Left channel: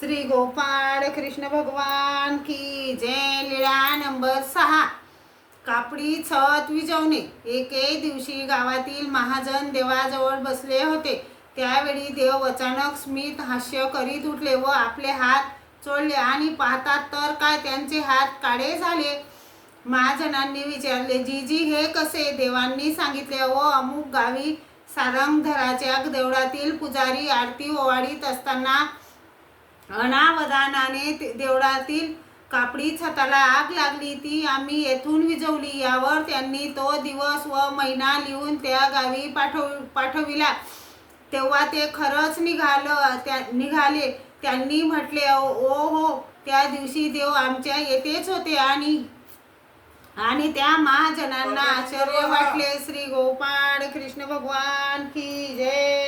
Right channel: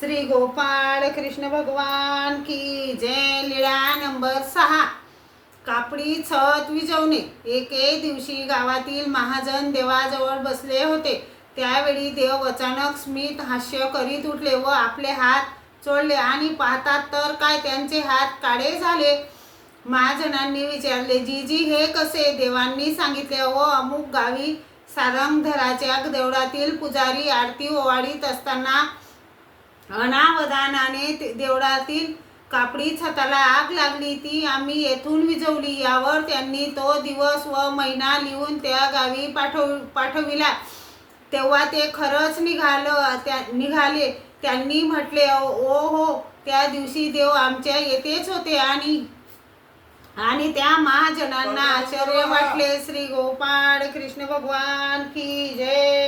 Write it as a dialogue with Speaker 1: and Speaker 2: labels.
Speaker 1: श्री गोपाळ कृष्ण भगवान की जय लीळा नंबर सहा. कापडी छत विजवणे एके दिवशी गावातील महाजन देवाजवळ बसले होते. त्यावेळी देव अचानक स्मित हास्य करीत उठले व आपले हात चोळले आणि पाहतात तर काय त्यांचे हात काळे झाले? महाजनांनी विचारले जीजी हे कसे? देवांनी सांगितले व अमुक गावी सारंगधराच्या देवळातील पुजारी आरती ओवाळीत असताना अनावधानाने ते- देवळातील कापडी छताला आग लागली ती आम्ही येथून विझवली यावर त्यांनी तो दिवस व महिना लिहून त्या गावी पाठव पाठविला. तेव्हा ते खरंच निघालं त्या निघाले. त्यांनी म्हटले ओ हो त्या दिवशी देव आमच्या येथेच होते आणि आणि त्या महाजनांना आश्चर्य वाटले. श्री गोपाळ कृष्ण भगवान की जय.